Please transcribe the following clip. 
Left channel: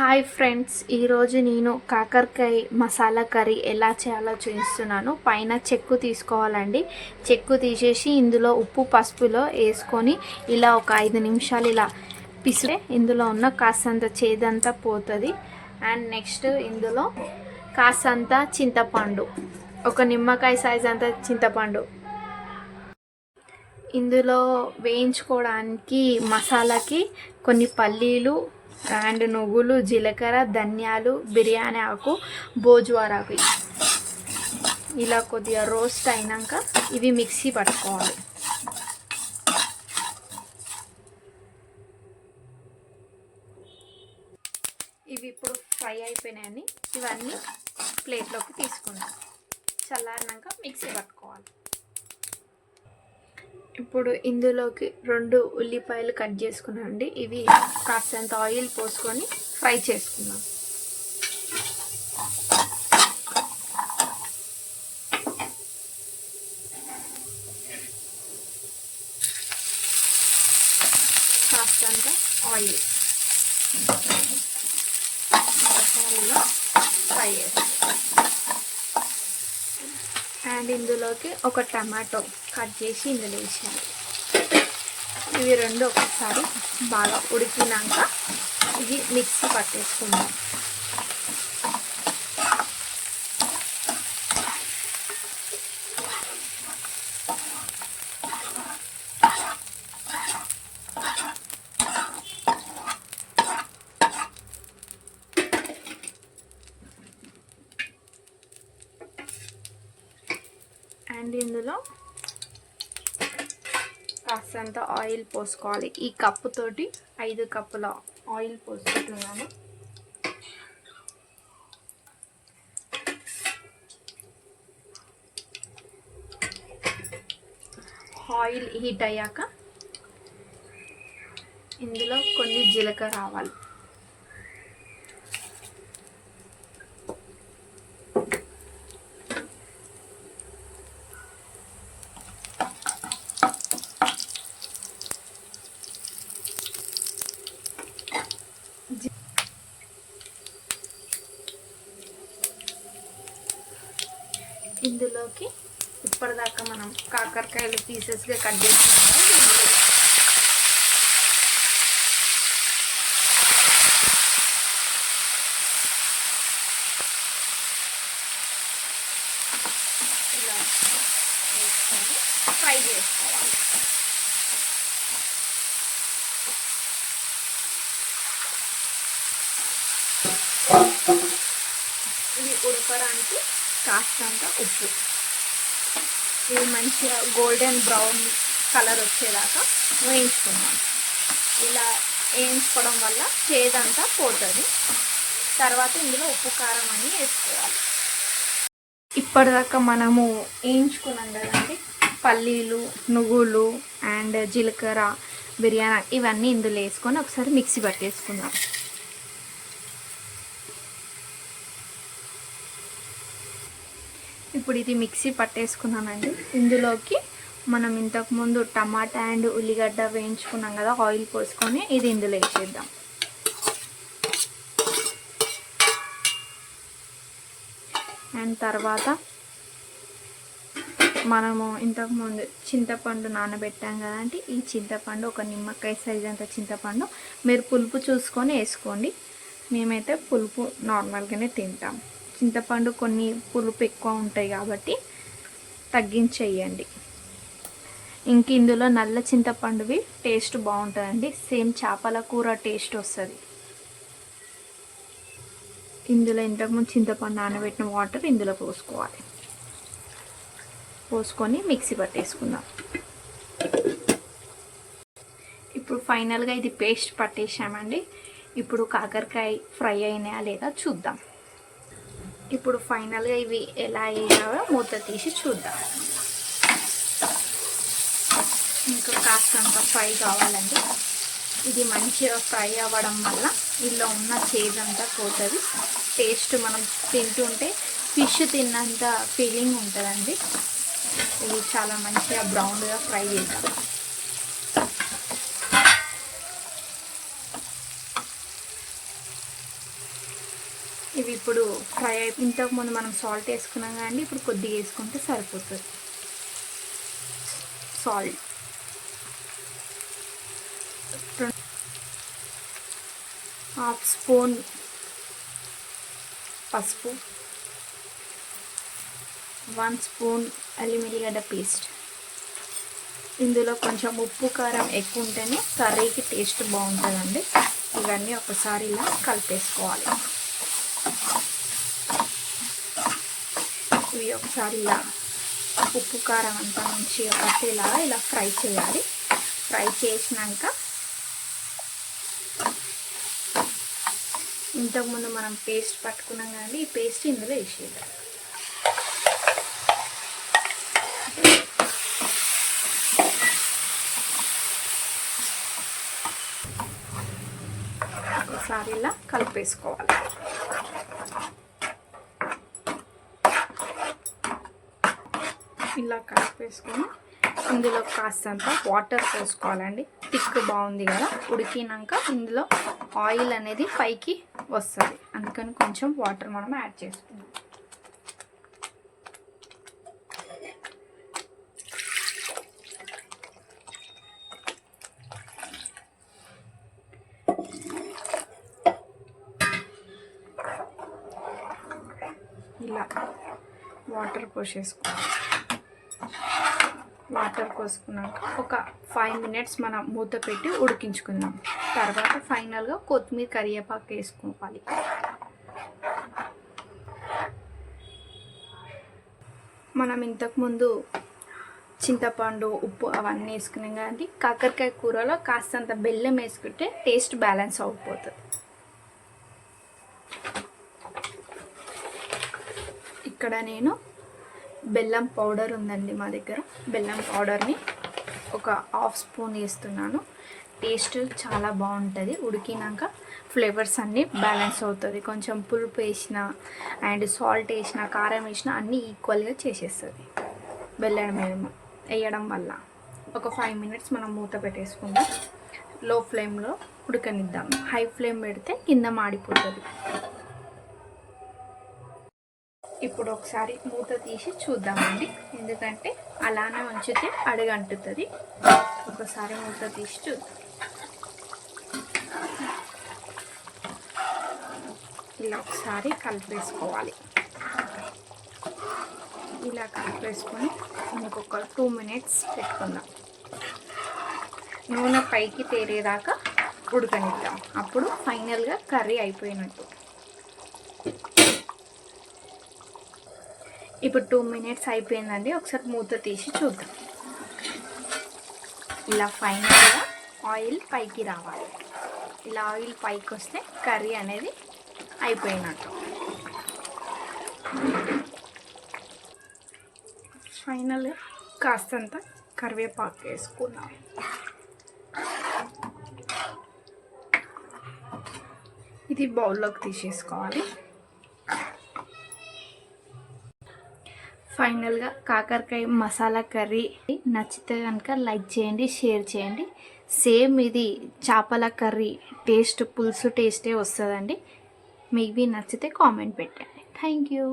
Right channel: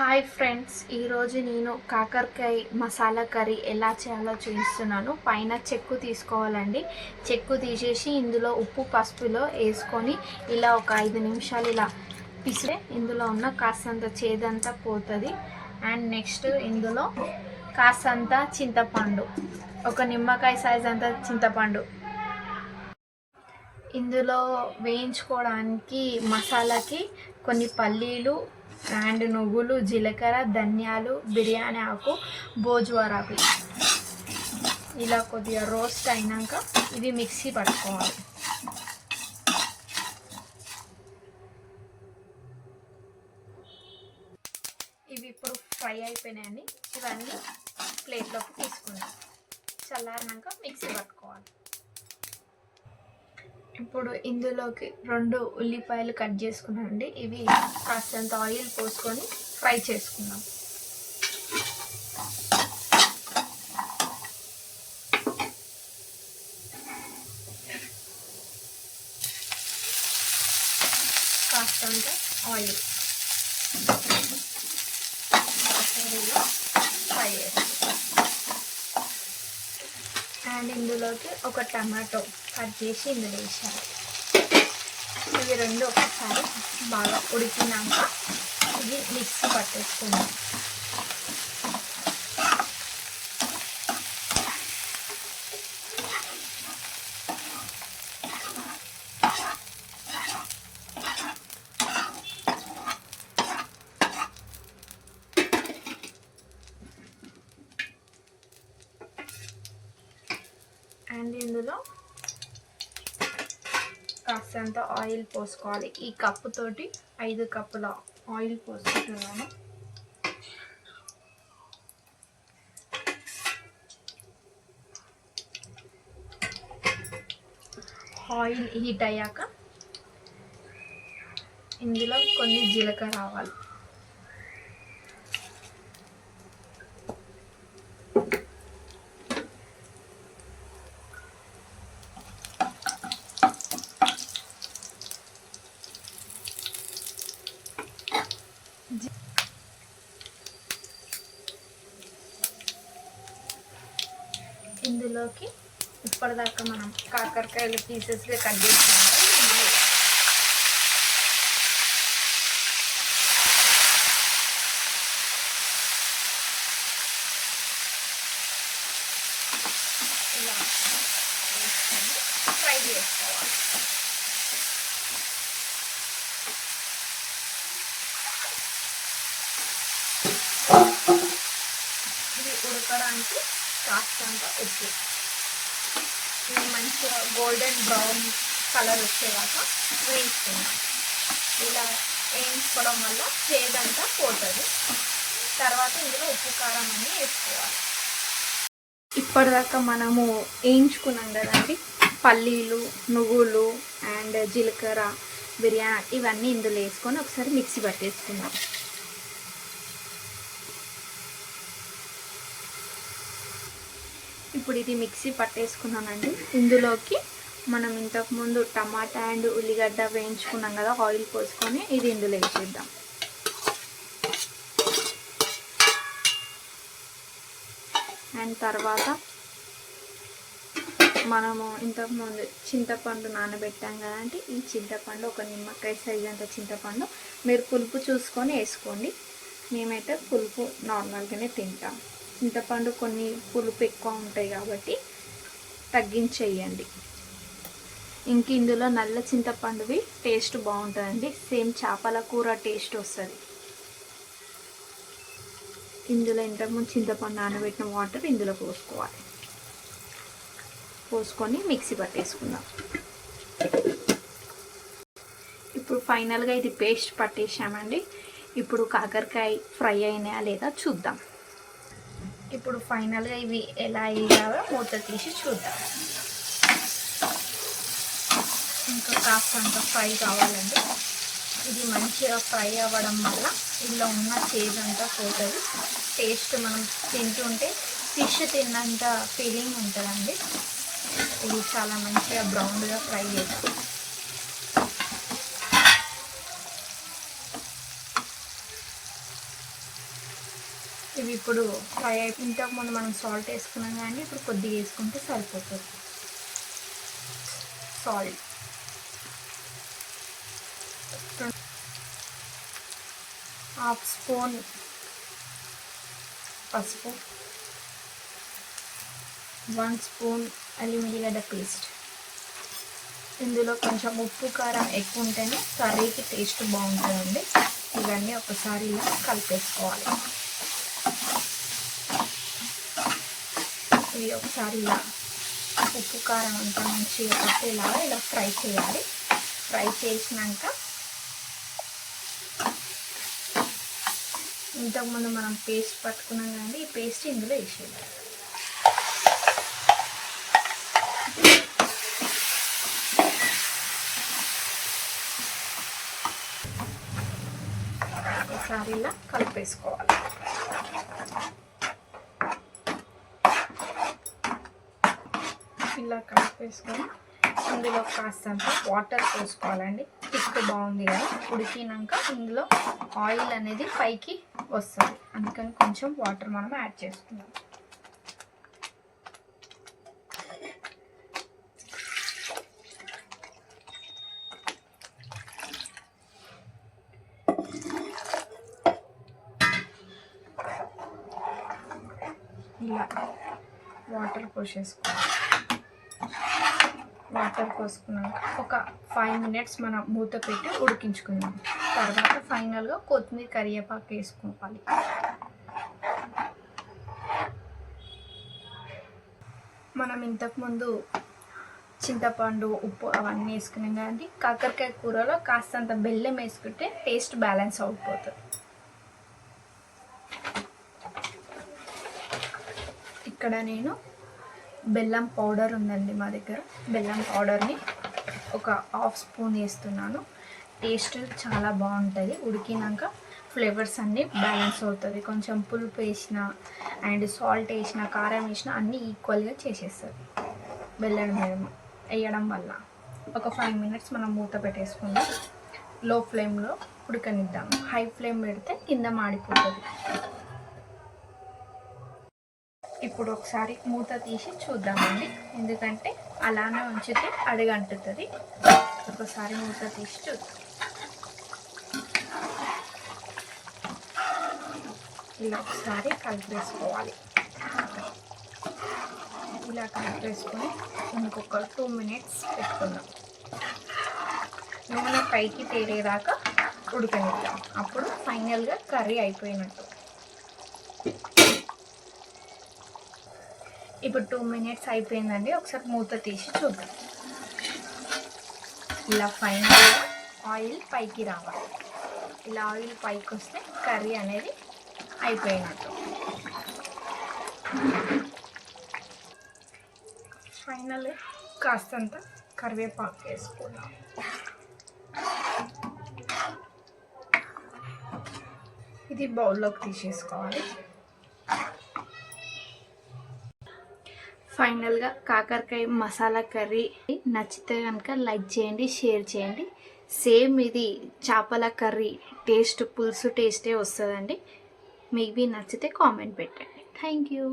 Hi friends, ఈరోజు నేను కాకరకాయ మసాలా కర్రీ ఎలా చేయాలో చూపిస్తున్నాను. పైన చెక్కు తీసుకోవాలండి. చెక్కు తీసేసి ఇందులో ఉప్పు పసుపులో వేసుకొని ఇలా ఒక 5 నిమిషాలు ఇలా పిసిరే ఇందులో ఉన్న కాస్తంత చేదంతా పోతుంది. అండ్ నెక్స్ట్ ఇందులో కాస్తంత చింతపండు, ఒక నిమ్మకాయ సైజ్ అంత చింతపండు ఇందులో వేయించుకోవడానికి మసాలాకి కొన్ని పల్లీలు అండ్ నువ్వులు, జీలకర్ర, ధనియాలు, బిర్యానీ ఆకు, భోజ్వారాకు ఇలా కొద్దిగా రోస్ట్ అయినాక ఇవి మిక్సీ పట్టుకోవాలి. ఇవి ఇప్పుడు ఫ్రై అయిపోయినాయని ఇవన్నీ ప్లేట్లోకి తీసుకుందాం. చల్లారినాక మిక్సీ పట్టుకోవాలి. ఇప్పుడు ఇందులోకి 2 ఉల్లిపాయలు కట్ చేసుకున్నాండి. ఇవి కాస్తంత ఆయిల్ పోసుకొని ఫ్రై చేసుకున్నాం. కాస్తంత ఆయిల్ ఫ్రై చేస్తాం. అండ్ ఇందులోకి ఒక టమాటో కట్ చేసి ఇందులో వేసాను. ఇవి రెండు ఒకసారి బాగా ఉడికినాక ఇది మిక్సీ పట్టేసుకుందాం. అండ్ ఇందులో కాస్తంత ఆయిల్ పోసుకోవాలి. ఈ కప్పు తోటి 5 కప్పుల ఆయిల్ పోసుకుంటున్నాను. ఆయిల్ హీట్ అయ్యాక ఇందులో కొన్ని జీలకర్ర ఆవాలు, ఇందులోకి ఇప్పటిదాకా మనం కాకరకాయలు పీసెస్గా కట్ చేసుకున్నాము. ఇలా వేసుకొని ఫ్రై చేసుకోవాలి. ఇది ఉడకడానికి కాస్తంత ఉప్పు, ఇది మంచిగా గోల్డెన్ బ్రౌన్ కలర్ వచ్చేదాకా వేయించుకున్నాం. ఇలా వేయించుకోవడం వల్ల చేదంతా పోతుంది. తర్వాత ఇందులో ఉప్పు కారం అన్నీ వేసుకోవాలి. ఇప్పటిదాకా మనము వేయించుకున్నాం కదండి, పల్లీలు, నువ్వులు అండ్ జీలకర్ర, బిర్యానీ ఇవన్నీ ఇందులో వేసుకొని ఒకసారి మిక్సీ పట్టేసుకుందాం. ఇప్పుడు ఇది మిక్సీ పట్టేసుకున్నానండి. ఇందులోకి మనం ఇంతకుముందు టమాటా అండ్ ఉల్లిగడ్డ వేయించుకున్నాం కదా, ఆయిల్ పోసుకొని ఇది ఇందులో వేసేద్దాం. అండ్ తర్వాత మనము ఇంతకుముందు చింతపండు నానబెట్టాం కదంటే ఈ చింతపండు ఒక నిమ్మకాయ సైజ్ అంత చింతపండు మీరు పులుపు చూసుకొని వేసుకోండి. మేమైతే పులుపు నార్మల్గానే తింటాం. చింతపండు కొన్ని పులుపు ఎక్కువ ఉంటాయి కాబట్టి తగ్గించేయండి. ఇంక ఇందులో నల్ల చింతపండువి టేస్ట్ బాగుంటుందండి. సేమ్ చేపల కూర టేస్ట్ వస్తుంది. ఇందులో ఇంతకుముందు చింతపండు నానబెట్టిన వాటర్ ఇందులో పోసుకోవాలి. పోసుకొని మిక్సీ పట్టేసుకుందాం. ఇప్పుడు ఫైనల్గా ఇది పేస్ట్ పట్టేసామండి. ఇప్పుడు కాకరకాయ ఫ్రై అయినాయా లేదా చూద్దాం. ఇప్పుడు ఫైనల్గా ఇవి ఎలా అయ్యాయో మూత తీసి చూద్దాం. ఇంకా కాస్తంత ఫ్రై కావాలండి. ఇది మంచిగా ఫ్రై అవ్వడం వల్ల ఇందులో ఉన్న చేదంతా పోతుంది. టేస్ట్ మనం తింటుంటే ఫిష్ తిన్నంత ఫీలింగ్ ఉంటుందండి. ఇది చాలా మంచిగా బ్రౌన్గా ఫ్రై చేస్తాం. ఇవి ఇప్పుడు ఫ్రై అయిపోయి ఇంతకుముందు మనం సాల్ట్ వేసుకున్నాం కానీ ఇప్పుడు కొద్దిగా వేసుకుంటే సరిపోతుంది. సాల్ట్, హాఫ్ స్పూన్ పసుపు, 1 స్పూన్ అల్లం వెల్లిగడ్డ పేస్ట్. ఇందులో కొంచెం ఉప్పు కారం ఎక్కువ ఉంటేనే కర్రీకి టేస్ట్ బాగుంటుందండి. ఇవన్నీ ఒకసారి ఇలా కలిపేసుకోవాలి. ఇవి ఒకసారి ఇలా ఉప్పు కారం అంతా మంచిగా పట్టేలాగా ఇలా ఫ్రై చేయాలి. ఫ్రై చేసినాక ఇంతకుముందు మనం పేస్ట్ పట్టుకున్నాం కానీ ఈ పేస్ట్ ఇందులో వేసేయాలి. ఒకసారి ఇలా కలిపేసుకోవాలి. ఇలా కలిపేసుకొని ఇందులో కాస్తంత వాటర్ పోసుకోవాలండి. థిక్ బాగుంది కదా, ఉడికినాక ఇందులో ఆయిల్ అనేది పైకి వస్తుంది, అందుకని కొంచెం వాటర్ మనం యాడ్ చేసుకుందాం. ఇలా వాటర్ పోసేసుకోవాలి. వాటర్ పోసుకున్నాక ఒక 5 మినిట్స్ మనం మూత పెట్టి ఉడికించుకుందాం. తర్వాత ఫైనల్గా కొత్తిమీర కరివేపాకు వేసుకోవాలి. మనం ఇంతకుముందు చింతపండు, ఉప్పు అవన్నీ వేసుకున్నాం కానీ కాకరకాయ కూరలో కాస్తంత బెల్లం వేసుకుంటే టేస్ట్ బ్యాలెన్స్ అయిపోతుంది. ఇక్కడ నేను బెల్లం పౌడర్ ఉందండి మా దగ్గర, బెల్లం పౌడర్ని ఒక 1/2 స్పూన్ వేస్తున్నాను. టేస్ట్ చాలా బాగుంటుంది. ఉడికినాక ఫ్లేవర్స్ అన్నీ బ్యాలెన్స్ అవుతుంది. కొంచెం పులుపు వేసిన అండ్ సాల్ట్ వేసిన, కారం వేసిన అన్నీ ఈక్వల్గా చేసేస్తుంది బెల్లం వేయడం వల్ల. ఒక 5 మినిట్స్ మనం మూత పెట్టేసుకుందాం. లో ఫ్లేమ్లో ఉడకనిద్దాం. హై ఫ్లేమ్ పెడితే కింద మాడిపోతుంది. ఇప్పుడు ఒకసారి మూత తీసి చూద్దామండి, ఎందుకంటే అలానే ఉంచితే అడుగంటుతుంది. ఒకసారి మూత తీసి చూద్దాం. ఇలా ఒకసారి కలిపేసుకోవాలి. ఇలా కలిపేసుకొని ఇంకొక 2 మినిట్స్ పెట్టుకుందాం. నూనె పైకి తేరేదాకా ఉడకనిద్దాం. అప్పుడు ఫైనల్గా కర్రీ అయిపోయినట్టు. ఇప్పుడు 2 మినిట్స్ అయిపోయిందండి. ఒకసారి మూత తీసి చూద్దాం. ఇలా ఫైనల్గా ఆయిల్ పైకి రావాలి. ఇలా ఆయిల్ పైకి వస్తే కర్రీ అనేది అయిపోయినట్టు. ఫైనల్గా కాస్తంత కరివేపాకు వేసుకున్నాం. ఇది బౌల్లోకి తీసేసుకోవాలి. ఫైనల్గా కాకరకాయ మసాలా కర్రీ నచ్చితే కనుక లైక్ చేయండి, షేర్ చేయండి. సేమ్ ఇది చేపల కర్రీ టేస్ట్, పులుసు టేస్టే వస్తుందండి. మీకు నచ్చితే కామెంట్ పెట్టండి. Thank you.